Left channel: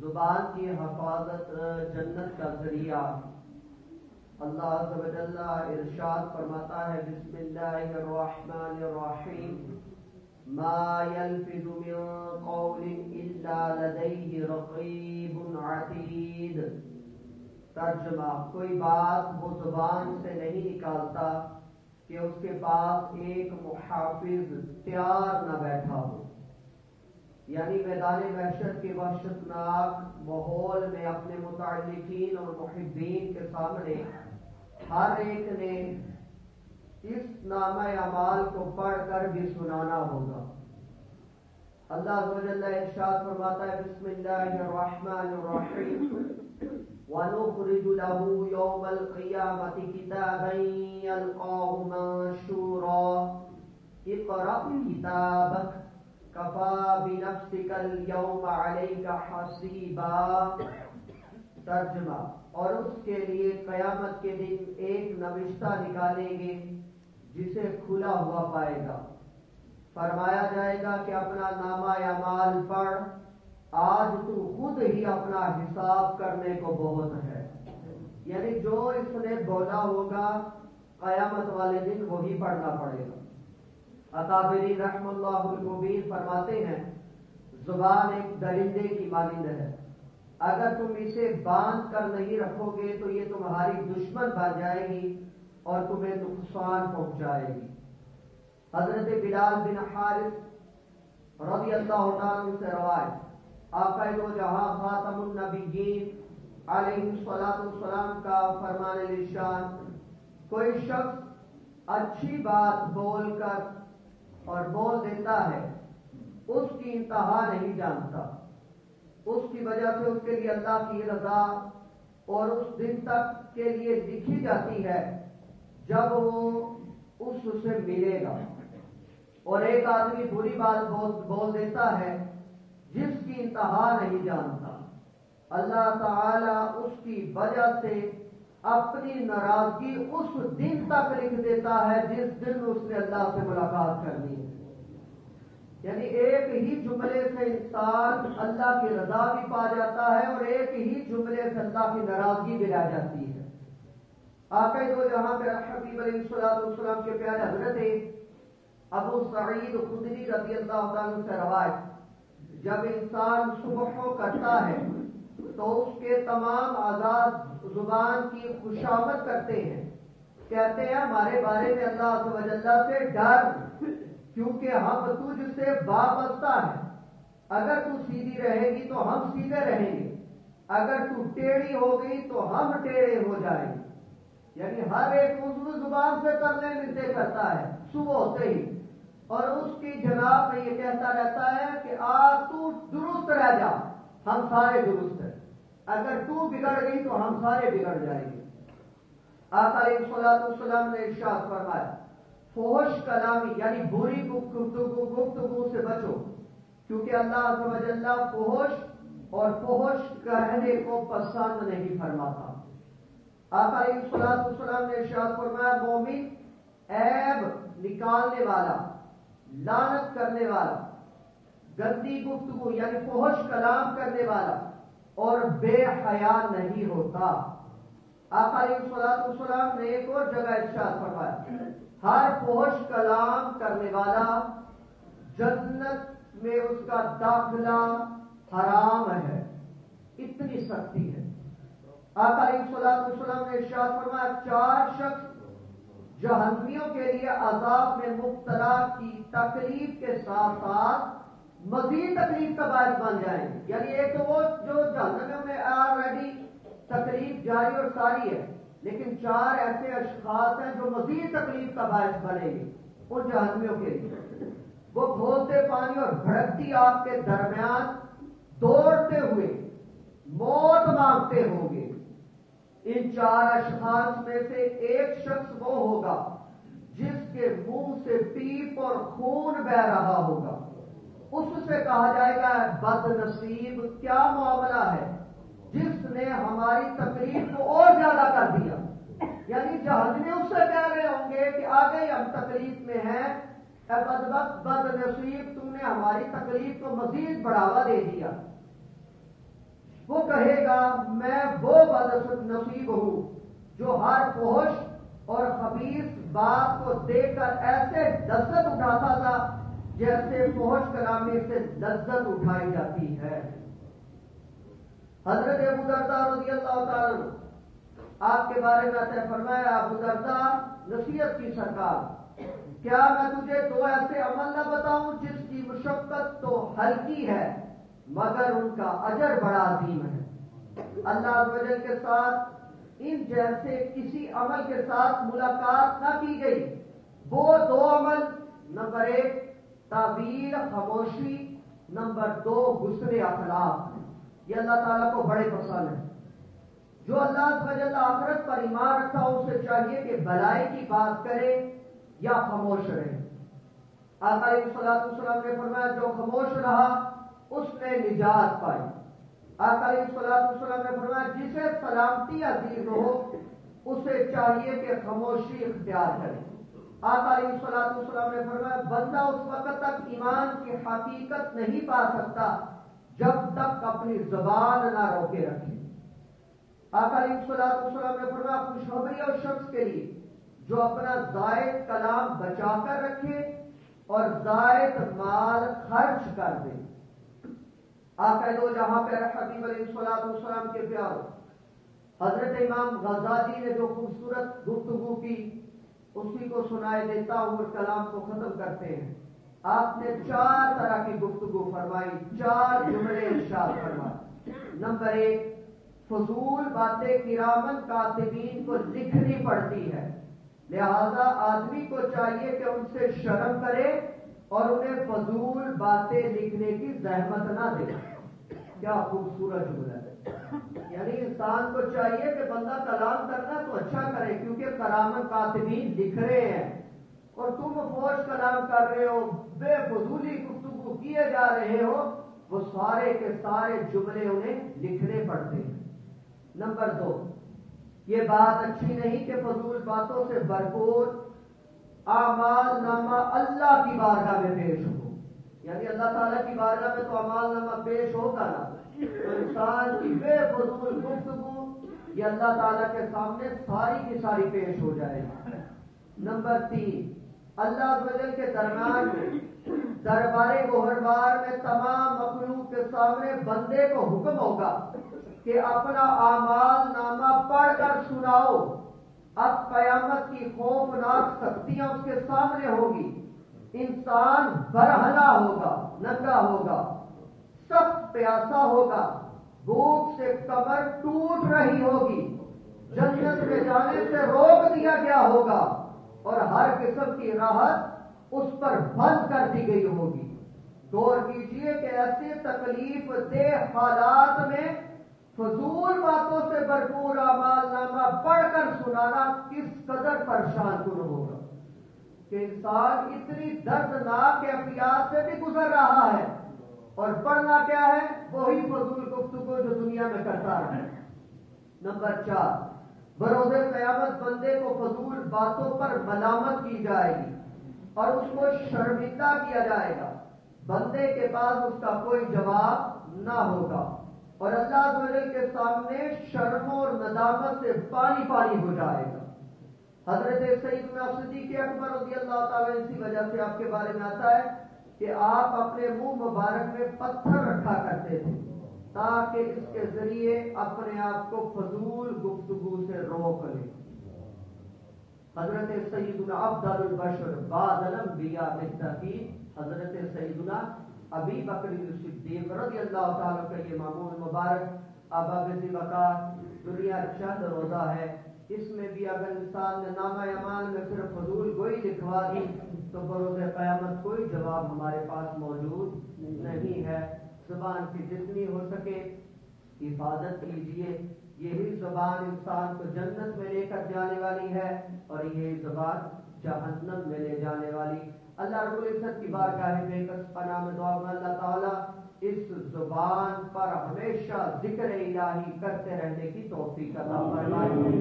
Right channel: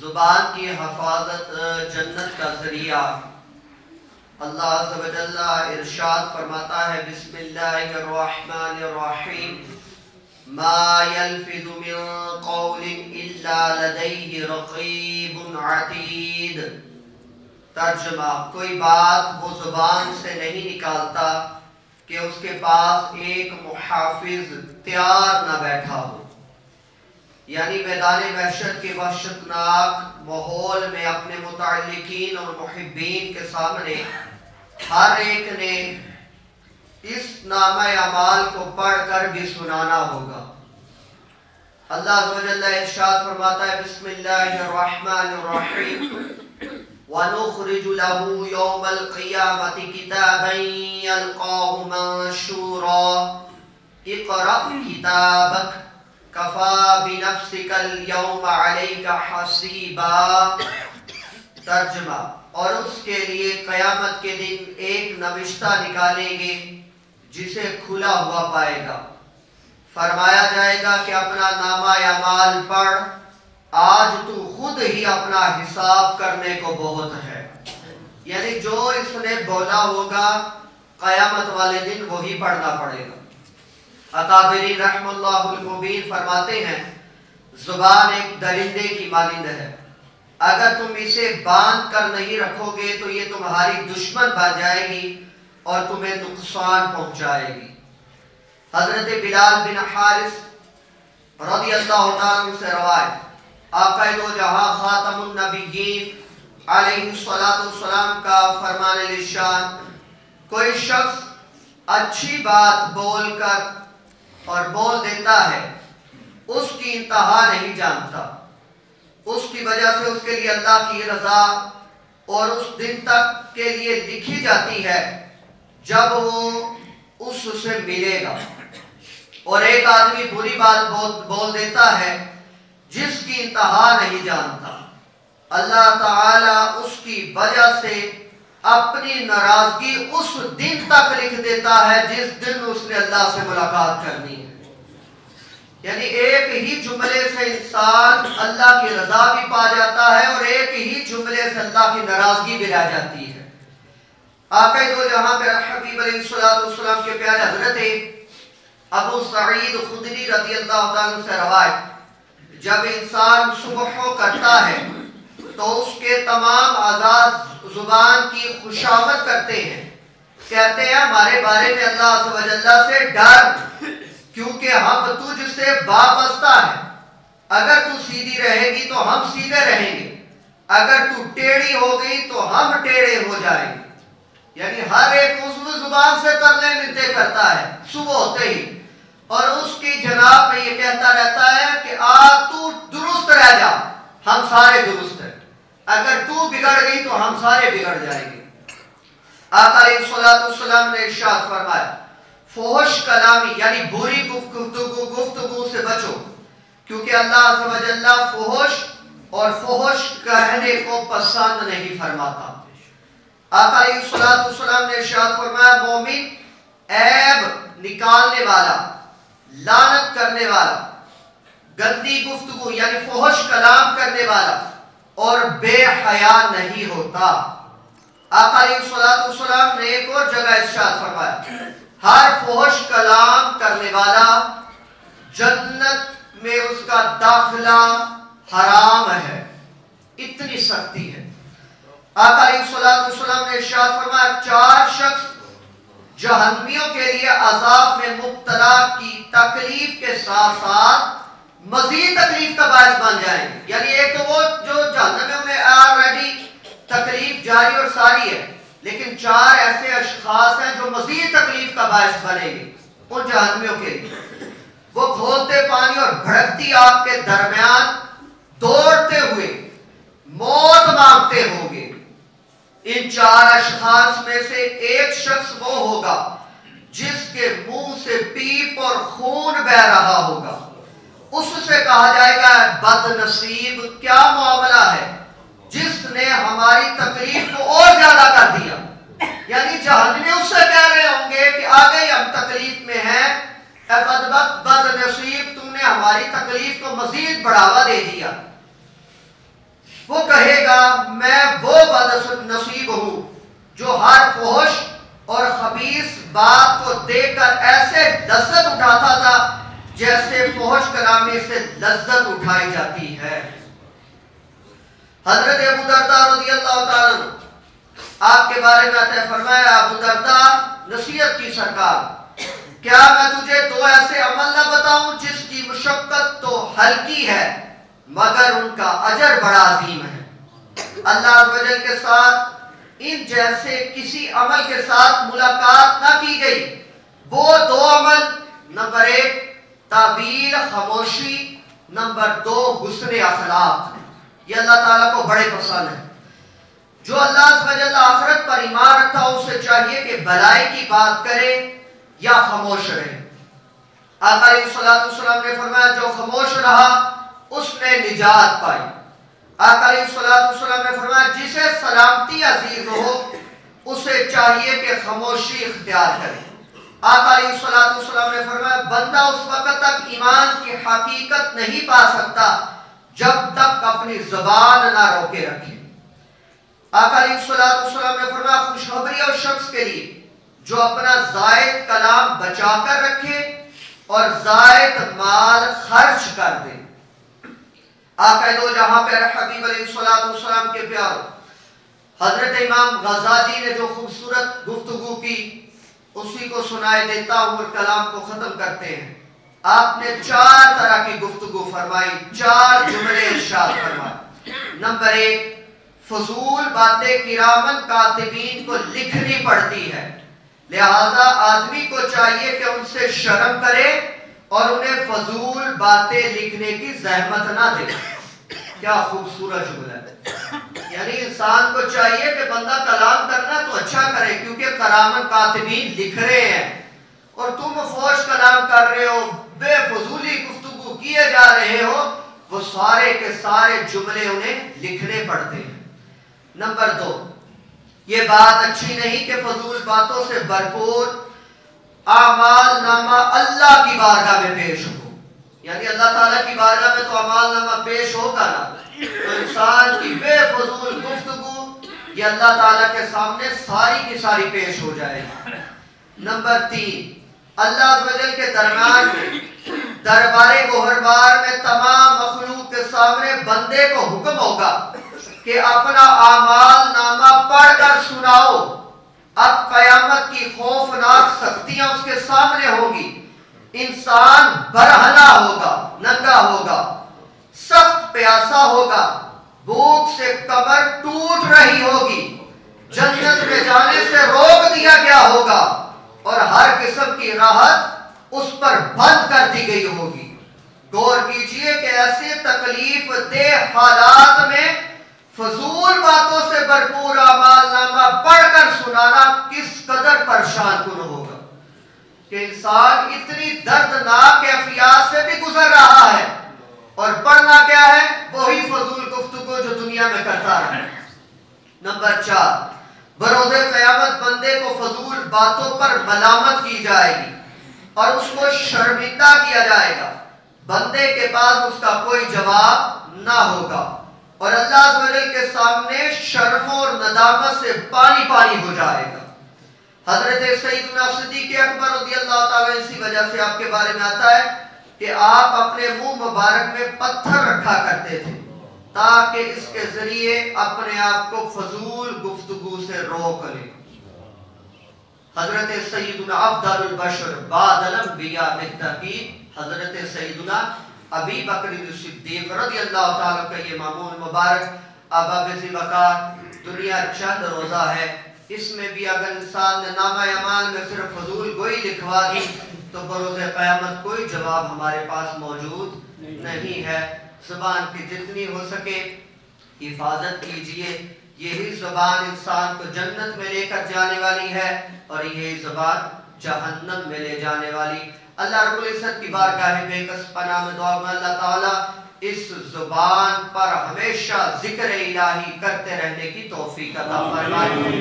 زبان کی حفاظت جنت کا ذریعہ۔ اللہ عز و جل ارشاد فرماتا ہے بسم اللہ الرحمن الرحیم ما یلفظ من قول الا لدیہ رقیب عتید۔ ترجمہ، کوئی بات وہ زبان سے نہیں نکالتا کہ اس کے پاس ایک محافظ تیار نہ بیٹھا ہو۔ یعنی میدان محشر کے وحشتناک ماحول میں اپنے متعلقین اور محبین کے سامنے ہر ایک نے اس نامہ اعمال کو پڑھ کر بھی سنانا ہوگا۔ اللہ عز و جل ارشاد فرماتا ہے بسم اللہ الرحمن الرحیم وَنُخْرِجُ لَهُ يَوْمَ الْقِيَامَةِ كِتَابًا يَلْقَاهُ مَنشُورًا اقْرَأْ كِتَابَكَ کفا بنفسک اليوم علیک حسیبا۔ ترجمہ، اور اس کے لیے قیامت کے دن ایک نوشتہ نکالیں گے جسے کھلا ہوا پائے گا۔ فرمایا جائے گا کہ اپنا نامہ اعمال پڑھ، آج تو خود ہی اپنا حساب کرنے کو بہت ہے۔ یعنی جو اس نے بولا ہوگا قیامت والے دن وہی پڑھنا پڑے گا۔ اکابرین رحم اللہ المبین فرماتے ہیں زبان ایک درندے کی مانند ہے، اگر تم اسے باندھ کر نہیں رکھو گے تو یہ تمہاری دشمن بن جائے گی اور تمہیں نقصان پہنچائے گی۔ حضرت بلال بن حارث رضی اللہ تعالیٰ عنہ سے روایت، آقا دو جہاں خاتم النبیین علیہ السلام کا فرمان الشان، کوئی شخص اچھی بات بول کر اور بول دیتا ہے، اس کی انتہا نہیں جانتا، اس کی وجہ سے اس کے لیے اللہ کی رضا اور اس دن تک کے لیے لکھی جاتی ہے جب وہ اس سے ملے گا۔ اور ایک آدمی بری بات بول دیتا ہے جس کی انتہا نہیں جانتا، اللہ تعالیٰ اس کی وجہ سے اپنی ناراضگی اس دن تک لکھ دیتا ہے جس دن اس نے اللہ سے ملاقات کرنی ہے۔ یعنی ایک ہی جملے سے انسان اللہ کی رضا بھی پا جاتا ہے اور ایک ہی جملے سے اللہ کی ناراضگی بھی رہ جاتی ہے۔ آقا دو جہاں پہ حبیب علیہ السلام کے پیارے حضرت ابو سعید خدری رضی اللہ عنہ سے روایت، جب انسان صبح کرتا ہے تو اس کے تمام اعضاء زبان کی خوشامد کرتے ہیں، کہتے ہیں ہمارے بارے میں اللہ عز و جل سے ڈر، کیونکہ ہم تجھ سے وابستہ ہیں، اگر تو سیدھی رہے گی تو ہم سیدھے رہیں گے، اگر تو ٹیڑھی ہو گئی تو ہم ٹیڑھے ہو جائیں گے۔ یعنی ہر ایک عضو زبان سے ترلے ملتے کرتا ہے صبح ہوتے ہی، اور اس کی جناب میں یہ کہتا رہتا ہے کہ تو درست رہ جا، ہم سارے درست ہیں، اگر تو بگڑ گئی تو ہم سارے بگڑ جائیں گے۔ آقا علیہ السلام نے ارشاد فرمایا فحش کلامی یعنی بری گفتگو سے بچو، کیونکہ اللہ عز و جل فحش اور فحش کہنے کو پسند نہیں فرماتا۔ آقا علیہ السلام نے ارشاد فرمایا مومن عیب نکالنے والا، لعنت کرنے والا، گندی گفتگو یعنی فحش کلام کرنے والا اور بے حیا نہیں ہوتا۔ آقا علیہ السلام نے ایک اور جگہ ارشاد فرمایا ہر فحش کلام کرنے والا جنت میں اس کا داخلہ حرام ہے، اتنی سختی ہے۔ آقا علیہ السلام نے ارشاد فرمایا 4 شخص جہنمیوں کے لیے عذاب میں مبتلا کی تکلیف کے ساتھ ساتھ مزید تکلیف کا باعث بن جائیں گے۔ یعنی ایک تو وہ جو جہنم میں آلریڈی تکلیف جاری اور ساری ہے، لیکن 4 ایسے اشخاص ہیں جو مزید تکلیف کا باعث بنیں گے ان جہنمیوں کے لیے۔ وہ کھولتے پانی اور بھڑکتی آگ کے درمیان دوڑتے ہوئے موت مانگتے ہوں گے۔ ان 4 اشخاص میں سے ایک شخص وہ ہوگا جس کے منہ سے پیپ اور خون بہ رہا ہوگا، اس سے کہا جائے گا بد نصیب، کیا معاملہ ہے جس نے ہماری تکلیف کو اور زیادہ کر دیا۔ یعنی جہنمی اس سے کہہ رہے ہوں گے کہ آگے ہم تکلیف میں ہیں، اے بدبخت بد نصیب، تم نے ہماری تکلیف کو مزید بڑھاوا دے دیا۔ میں وہ بد نصیب ہوں جو ہر فحش اور خبیث بات کو دیکھ کر ایسے لذت اٹھاتا تھا جیسے فحش کلامی سے لذت اٹھائی جاتی ہے۔ حضرت ابو درداء رضی اللہ تعالیٰ عنہ آپ کے بارے میں آتا ہے، فرمایا ابو درداء نصیحت کی سرکار، کیا میں تجھے دو ایسے عمل نہ بتاؤں جس کی مشقت تو ہلکی ہے مگر ان کا اجر بڑا عظیم ہے۔ اللہ عز و جل کے ساتھ ان جیسے کسی عمل کے ساتھ ملاقات نہ کی گئی۔ وہ دو عمل، نمبر 1 تعویل خاموشی، نمبر 2 حسن اخلاق، یہ اللہ تعالیٰ کو بڑے پسند ہے۔ جو اللہ عز و جل آخرت پر ایمان رکھتا ہو اسے چاہیے کہ بھلائی کی بات کرے یا خاموش رہے۔ آقا علیہ السلام نے فرمایا جو خاموش رہا اس نے نجات پائی۔ آقا علیہ السلام نے فرمایا جسے سلامتی عزیز ہو اسے چاہیے کہ خاموشی اختیار کرے۔ آقا علیہ السلام نے فرمایا بندہ اس وقت تک ایمان کی حقیقت نہیں پا سکتا جب تک اپنی زبان نہ روکے رکھے۔ آقا علیہ السلام نے فرمایا خوشخبری اس شخص کے لیے جو اپنا زائد کلام بچا کر رکھے اور زائد مال خرچ کر دے۔ آقا دو جہاں پہ حبیب علیہ السلام کے پیاروں حضرت امام غزالی نے جو خوبصورت گفتگو کی اسی کو سنائے دیتا ہوں اور کلام کو ختم کرتے ہیں۔ آپ نے 4 طرح کی گفتگو فرمائی، 4 جملے ارشاد فرمائے۔ نمبر 1 فضول باتیں کرامن کاتبین کو لکھنی پڑتی ہے، لہذا آدمی کو چاہیے کہ ان سے شرم کرے اور انہیں فضول باتیں لکھنے کی زحمت نہ دے۔ کیا خوبصورت جملہ ہے، یعنی انسان کو چاہیے کہ بندہ کلام کرنا تو اچھا کرے کیونکہ کرامن کاتبین لکھ رہے ہیں، اور تم فوش کلام کر رہے ہو، بے فضولی گفتگو کیے جا رہے ہو، وہ سارے کے سارے جملے انہیں لکھنے پڑتے ہیں۔ نمبر 2 یہ بات اچھی نہیں کہ فضول باتوں سے بھرپور اعمال نامہ اللہ کی بارگاہ میں پیش ہو، یعنی اللہ تعالیٰ کی بارگاہ میں تو اعمال نامہ پیش ہوگا نا، تو انسان کی بے فضول گفتگو یہ اللہ تعالیٰ کے سامنے ساری کی ساری پیش ہو جائے گی۔ نمبر 3 اللہ عز و جل کے درمیان میں دربار گوہربار میں تمام مخلوق کے سامنے بندے کو حکم ہوگا کہ اپنا اعمال نامہ پڑھ کر سناؤ۔ اب قیامت کی خوفناک سختیاں اس کے سامنے ہوگی، انسان برہنہ ہوگا، ننگا ہوگا، سخت پیاسا ہوگا، بھوک سے کمر ٹوٹ رہی ہوگی، جنت میں جانے سے روک دیا گیا ہوگا اور ہر قسم کی راحت اس پر بند کر دی گئی ہوگی۔ غور کیجئے کہ ایسے تکلیف دہ حالات میں فضول باتوں سے بھرپور اعمال نامہ پڑھ کر سنانا کس قدر پریشان کن ہوگا کہ انسان اتنی دردناک کیفیات سے بھی گزر رہا ہے اور پڑھنا کیا ہے؟ وہی فضول گفتگو جو دنیا میں کرتا ہے۔ نمبر 4 بروز قیامت بندے کو فضول باتوں پر ملامت کی جائے گی اور اس کو شرمندہ کیا جائے گا، بندے کے پاس اس کا کوئی جواب نہ ہوگا اور اللہ عز و جل کے سامنے شرم اور ندامت سے پانی پانی ہو جائے گا۔ حضرت سیدنا صدیق اکبر رضی اللہ تعالیٰ اسی وجہ سے آپ کے بارے میں آتا ہے کہ آپ اپنے منہ مبارک میں پتھر رکھا کرتے تھے تاکہ اس کے ذریعے اپنے آپ کو فضول گفتگو سے روک لیں۔ حضرت سیدنا افضل البشر بعد الانبیاء بالتحقیق حضرت سیدنا ابی بکر صدیق رضی اللہ تعالیٰ کا یہ معمول مبارک ابا بزی وقار دنیا چند روزہ ہے، اس میں بھی اگر انسان نے نامہ اعمال میں صرف فضول گوئی لکھوا دی تو بروز قیامت کوئی جواب ہمارے پاس موجود نہیں ہے۔ زبان کی جتنی ہو سکے حفاظت کیجئے، یہی زبان انسان کو جنت میں لے کر جانے والی ہے اور یہی زبان جہنم میں لے جانے والی۔ اللہ رب العزت کی بارگاہ بے کس پناہ میں دعا میں اللہ تعالیٰ اس زبان پر ہمیشہ ذکر الہی کرتے رہنے کی توفیق عطا فرمائے۔